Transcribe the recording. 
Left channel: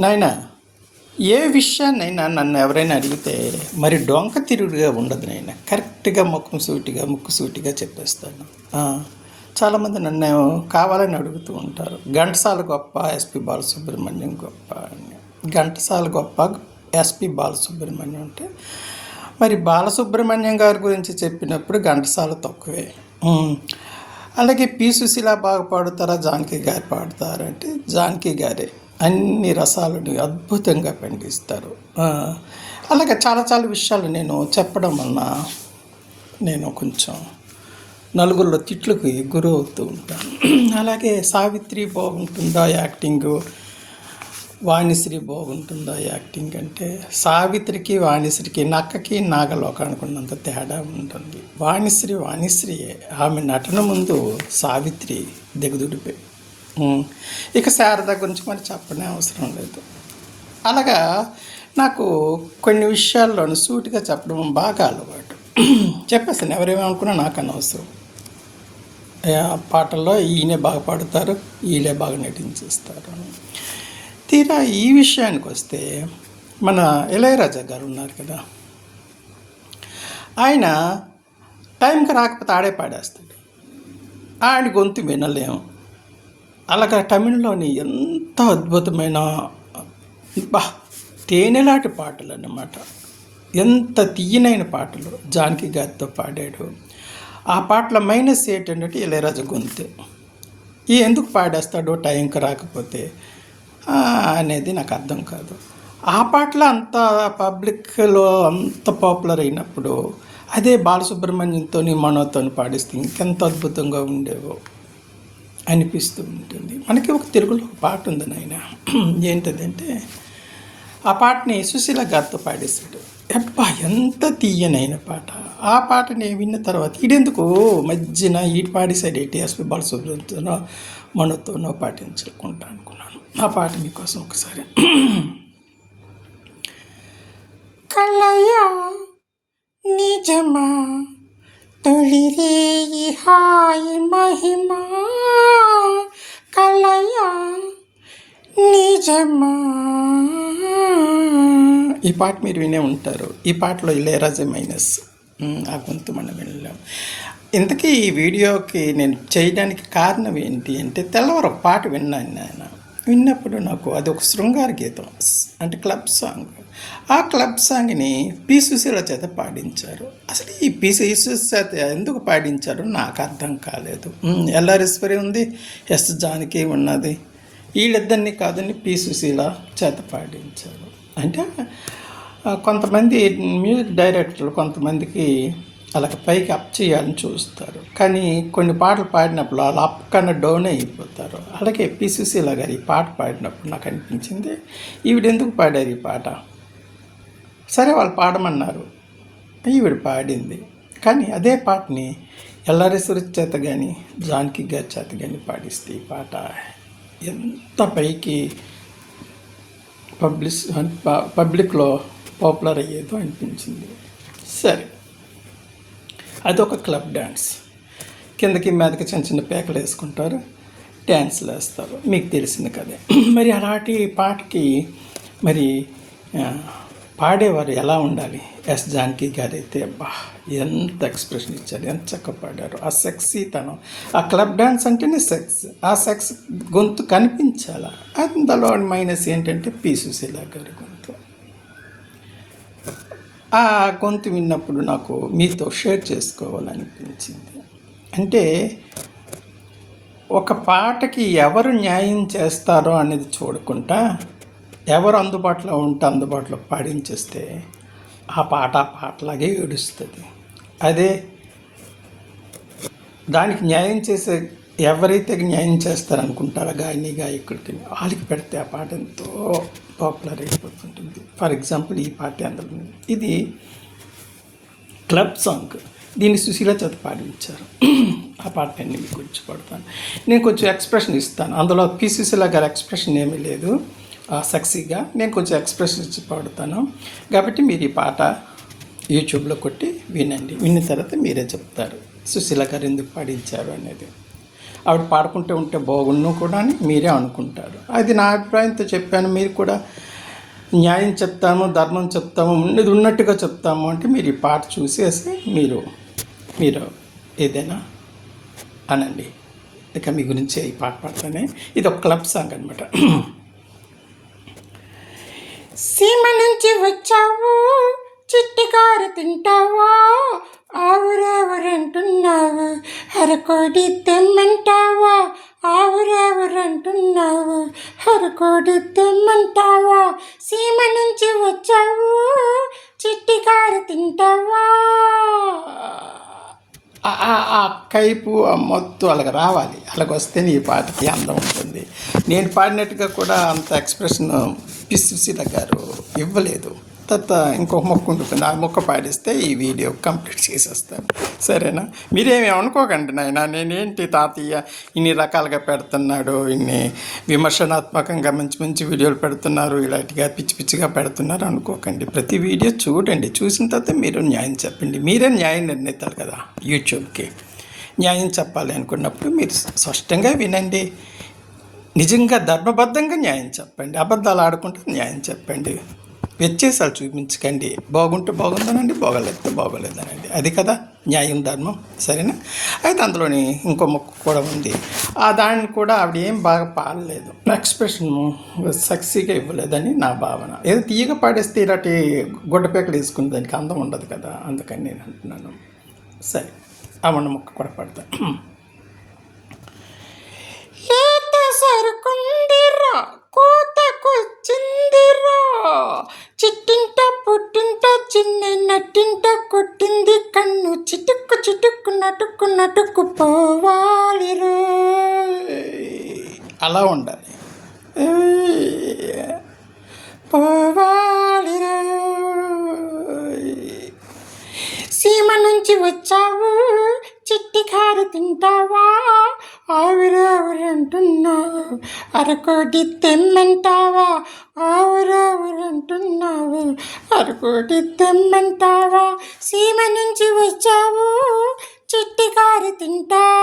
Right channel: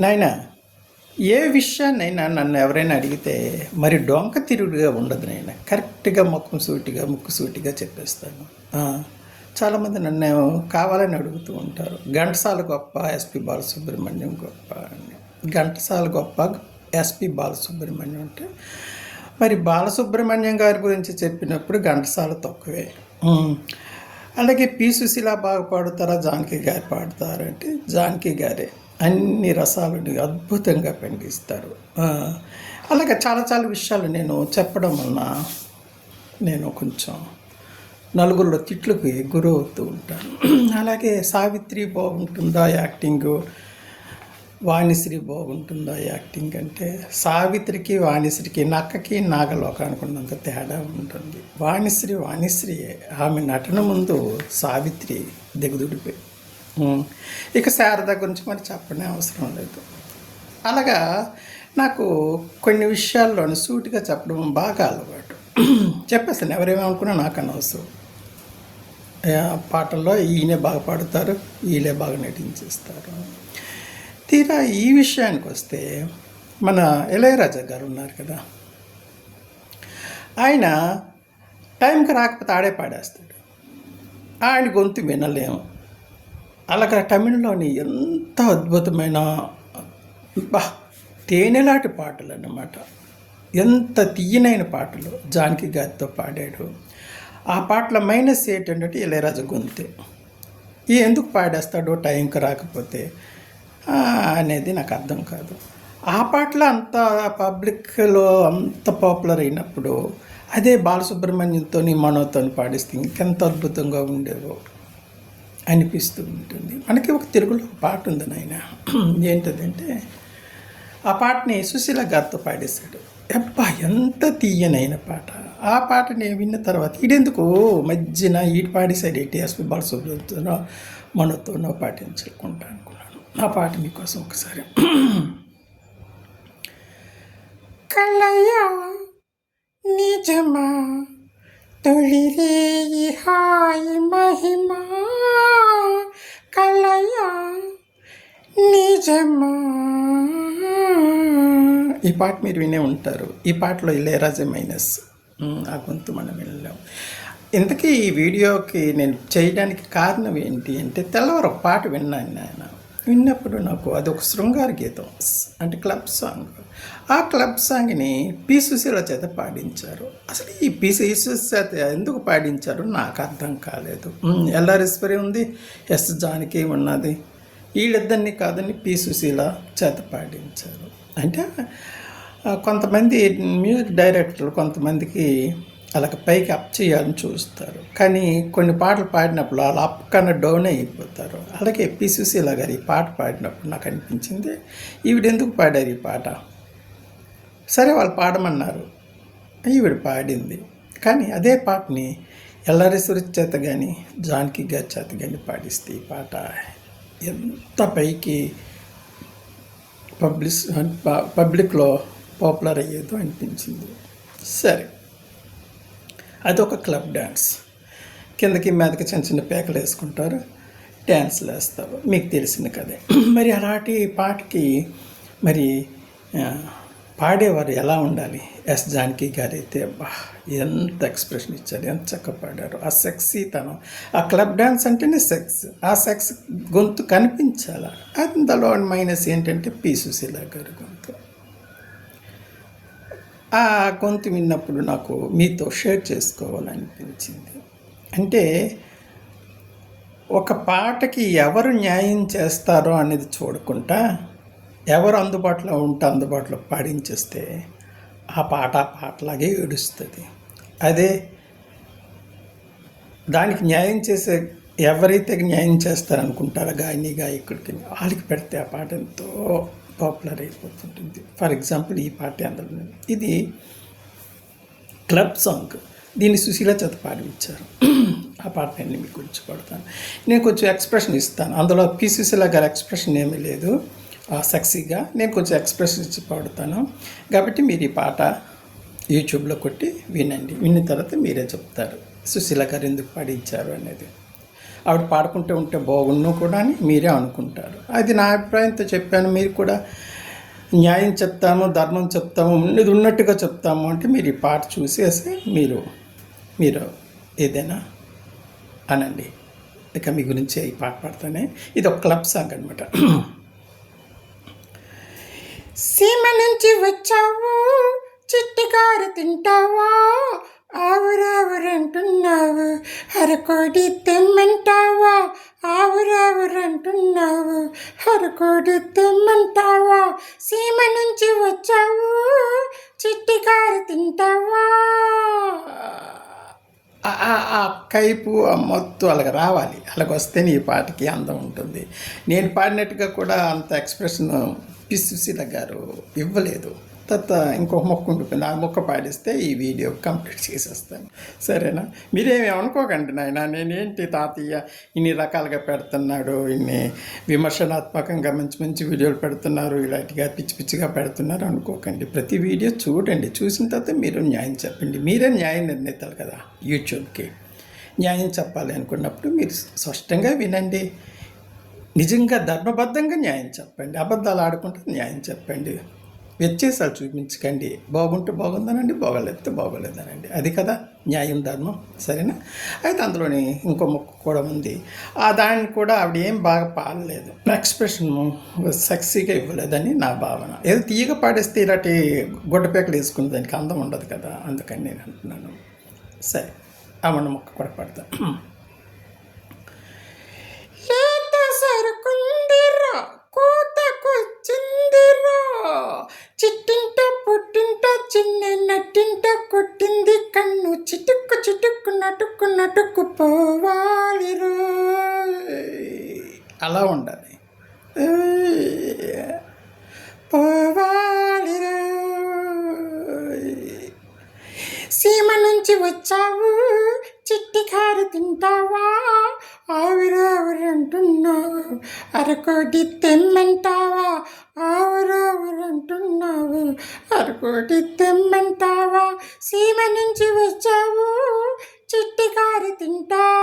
నాయనా, ఏ విషయాన్నైనా నన్ను ఎవరైనా అడిగితే మరి డొంక తిరుగుడుగా ఉండదు నాయన. కరెక్ట్గా ముక్కు సూటిగా చెప్పేస్తాను. చాలామంది నన్ను కావాలని అడుగుతూ ఉంటారు, ఘంటసాల గొప్ప ఎస్పి బాలసుబ్రహ్మణ్యం గొప్ప అని. ఘంటసాల గొప్ప, ఎస్పి బాలసుబ్రహ్మణ్యం అంటే మరి బాలసుబ్రహ్మణ్యం గారి గురించి చెప్పినప్పుడు ఘంటసాల తక్కువే. అలాగే పి సుశీల బాగా పాడుతారా, జానకి గారు పాడతారంటే జానకి గారే అన్ని రసాలని అద్భుతంగా పండిస్తారు. అలాగే చాలా చాలా విషయాలు నేను చెప్పడం వలన నేను కొంచెం నలుగురిలో తిట్లకి గురి అవుతూ ఉంటాను. అలాగే సావిత్రి బాగుంటుందా యాక్టింగు, వాణిశ్రీ బాగుంటుందా యాక్టింగ్ అంటే సావిత్రికి వాణిశ్రీకి నక్కకి నాగలోకానికి ఉన్నంత తేడా ఉంటుంది. వాణిశ్రీయే. ఆమె నటన ముందు సావిత్రి దిగదుడిపోయి. ఇక శారద గురించి మరి చెప్పనే అవసరం లేదు. అలాగా నాకు కొన్ని విషయాల్లోనూ సూటిగా చెప్పడం బాగా అలవాటు. చెప్పేస్తాను, ఎవరేమనుకున్నా నాకు అనవసరం. పాటల్లో ఈయనే బాగా పాడుతారు, ఈయనే బాగా నటించేస్తారు. తీరా ఈ విషయానికి వస్తే మన ఇళయరాజా గారు ఉన్నారు కదా, ఆయన టైంకి రాకపోతే ఆడే పాడేస్తాడు. ఆయన గొంతు వినలేము. అలాగా తమిళ్లోని ఎంత అద్భుతమైన తేనెలాంటి పాటలు అన్నమాట. ఎంత తీయనైన పాటలు జానకి గారితో పాడాడు. ఆ పాటల మైనస్ ఏంటంటే ఇళయరాజా గొంతే. ఎందుకు పాడేస్తాడో టైంకి రాకపోతే అనేది నాకు అర్థం కాదు. ఆ పాటలు అంత పబ్లిక్లో అంత పాపులర్ అయినప్పుడు అదే బాలసుబ్రహ్మణ్యంతో మనోతో పాడిస్తే ఇంకెంత అద్భుతంగా ఉండేవో అనిపిస్తూ ఉంటుంది. మనకి ఒక తెలుగులో ఒక పాట ఉంది నాయన, ఏంటంటే ఆ పాటని సుశీల గారితో పాడేశాడు. అబ్బా, ఎంత తీయనైన పాట. ఆ పాటని విన్న తర్వాత ఈడెందుకు మధ్యన ఈడు పాడేశాడు ఏంటి, ఎస్పి బాలసుబ్రహ్మణ్యంతోనో మనతోనో పాటించుకుంటా అనుకున్నాను. ఆ పాట మీకోసం ఒకసారి. కలయా నిజమా తొలిరేయి హాయి మహిమా, కలయా నిజమా. ఈ పాట మీరు వినే ఉంటారు. ఈ పాటలో ఇళయరాజా మైనస్, ఆ గొంతు మనం వెళ్ళాం. ఇంతకీ ఈ వీడియోకి నేను చేయడానికి కారణం ఏంటి అంటే, తెల్లవారు ఒక పాట విన్నాను ఆయన. విన్నప్పుడు నాకు అదొక శృంగార గీతం, అంటే క్లబ్ సాంగ్. ఆ క్లబ్ సాంగ్ని పి సుశీల చేత పాడించారు. అసలు ఈ పి సుశీల చేత ఎందుకు పాడించారు నాకు అర్థం కాలేదు. ఎల్ఆర్ఎస్వరి ఉంది, ఎస్ జానకి ఉన్నది, వీళ్ళిద్దరిని కాదని పి సుశీల చేత పాడించారు. అంటే కొంతమంది మ్యూజిక్ డైరెక్టర్లు కొంతమందికి అలాగ పైకి అప్ చేయాలని చూస్తారు, కానీ కొన్ని పాటలు పాడినప్పుడు అలా అప్ కన్నా డౌన్ అయిపోతారు. అలాగే పి సుశీల గారు ఈ పాట పాడినప్పుడు నాకు అనిపించింది, ఈవిడ ఎందుకు పాడారు ఈ పాట. సరే, వాళ్ళు పాడమన్నారు, ఈవిడ పాడింది. కానీ అదే పాటని ఎల్ఆర్ఎస్వరి చేత కానీ జానకి గారి చేత కానీ పాడిస్తే ఈ పాట ఎంత పైకి పబ్లిక్లో పాపులర్ అయ్యేదో అనిపించింది. సరే, అదొక క్లబ్ డ్యాన్స్. కిందకి మీదకి చిన్న చిన్న పేకలు వేసుకుంటారు, డ్యాన్స్లు వేస్తారు, మీకు తెలిసింది కదే. మరి అలాంటి పాటకి మరి పాడేవారు ఎలా ఉండాలి. ఎస్ జానకి గారు అయితే ఎంత ఎక్స్ప్రెషన్ ఇచ్చారు, ఎంత చక్కగా పాడారు. ఆ సెక్సీతనం, ఆ క్లబ్ డ్యాన్స్ అంటేనే సెక్స్, ఆ సెక్స్ గొంతు కనిపించాలి. అందులో మైనస్ ఏంటంటే పి సుశీల గారి గొంతు. ఆ గొంతు విన్నప్పుడు నాకు మీతో షేర్ చేసుకోవాలనిపించింది. అంటే ఒక పాటకి ఎవరు న్యాయం చేస్తారో అనేది చూడకుండా ఎవరు అందుబాటులో ఉంటే అందుబాటులో పాడించేస్తే ఆ పాటలాగే ఏడుస్తుంది. అదే దానికి న్యాయం చేసే ఎవరైతే న్యాయం చేస్తారనుకుంటారో గాయకుడికి వాళ్ళకి పెడితే ఆ పాట ఎంతో పాపులర్ అయిపోతుంటుంది. ఫర్ ఎగ్జాంపుల్ ఈ పాట అందులో ఇది క్లబ్ సాంగ్, దీన్ని సుశీల చేత పాడించారు. ఆ పాట నేను మీకు గురించి పడతాను. నేను కొంచెం ఎక్స్ప్రెషన్ ఇస్తాను. అందులో పి సుశీల గారి ఎక్స్ప్రెషన్ ఏమీ లేదు, సెక్సీగా నేను కొంచెం ఎక్స్ప్రెషన్ ఇచ్చి పాడుతాను. కాబట్టి మీరు ఈ పాట యూట్యూబ్లో కొట్టి వినండి. విన్న తర్వాత మీరే చెప్తారు సుశీల గారు ఎందుకు పాడించారు అనేది. ఆవిడ పాడుకుంటూ ఉంటే బాగుండు కూడా అని మీరే అనుకుంటారు. అది నా అభిప్రాయంతో చెప్పాను. మీరు కూడా న్యాయం చెప్తాము, ధర్మం చెప్తాము, ఉన్నది ఉన్నట్టుగా చెప్తాము అంటే మీరు ఈ పాట చూసేసి మీరు ఏదైనా అనండి. ఇక మీ గురించి ఈ పాట పాడతానే. ఇది ఒక క్లబ్ సాంగ్ అనమాట. సీమ నుంచి వచ్చావు, చిట్టికారు తింటావా, ఆవురావురంటున్నావు, అరకోడి తెమ్మంటావా, ఆవురావురంటున్నావు, అరకోడి తెమ్మంటావా, సీమ నుంచి వచ్చావు, చిట్టికారు తింటావా. ఆ కైపు ఆ మొత్తం అలాగ రావాలి. అలాగ వస్తే నీ పాటకి అందం ఉంటుంది. నేను పాడినట్టుగా కూడా అంత ఎక్స్ప్రెషన్ సుశీల గారు ఇవ్వలేదు. తర్వాత ఇంకొక మొక్క ఉంటుంది, ఆ మొక్క పాడిస్తే ఈ వీడియో కంప్లీట్ చేసేస్తాను. సరేనా? మీరేమి అనుకోకండి నాయన, నేనేంటి తాతయ్య ఇన్ని రకాలుగా పెడుతున్నాడు, ఇన్ని విమర్శనాత్మకంగా మంచి మంచి వీడియోలు పెడుతున్నారు, ఇలాంటిగా పిచ్చి పిచ్చిగా పెడుతున్నారు అనుకోకండి. ప్రతి వీడియో చూడండి, చూసిన తర్వాత మీరు న్యాయం చెప్పండి. మీరే న్యాయం నిర్ణయిస్తారు కదా. యూట్యూబ్కి న్యాయం చెప్పాలి అనుకున్నప్పుడు మీరు స్పష్టంగా వినండి. నిజంగా ధర్మబద్ధంగా న్యాయం చెప్పండి. అబద్ధాలు ఆడుకుంటే న్యాయం చెప్పండి. వ్యత్యాసాలు చూపించకండి. బాగుంటే బాగుందనండి, బాగోలేకపోతే బాగోలేదనండి. అది కదా న్యాయం, ధర్మం. సరేనా? అయితే అందులోని ఇంకో మొక్క కూడా ఉంది. ఆ దాన్ని కూడా ఆవిడ ఏం బాగా పాడలేదు, ఎక్స్ప్రెషన్ సక్సీగా ఇవ్వలేదని నా భావన. ఏదో తీయగా పాడేస్తే ఇలాంటి గుడ్డపేకలు వేసుకుని దానికి అందం ఉండదు కదా, అందుకని నేను అంటున్నాను. సరే, ఆ ఉన్న మొక్క కూడా పాడతాను. చిట్టింట పుట్టింట చిన్న నట్టింట కొట్టింది కన్ను, చిటుక్కు చిటుక్కు నటుక్కు నటుక్కు పోవాలి రో. అలా ఉండాలి. పోవాలి రో. సీమ నుంచి వచ్చావు, చిట్టి కారు తింటావా, ఆవురావురంటున్నావు, అరకోటి తెమ్మంటావా, ఆవురావురంటున్నావు, అరకోటి తెమ్మంటావా, సీమ నుంచి వచ్చావు, చిట్టి కారు తింటావా.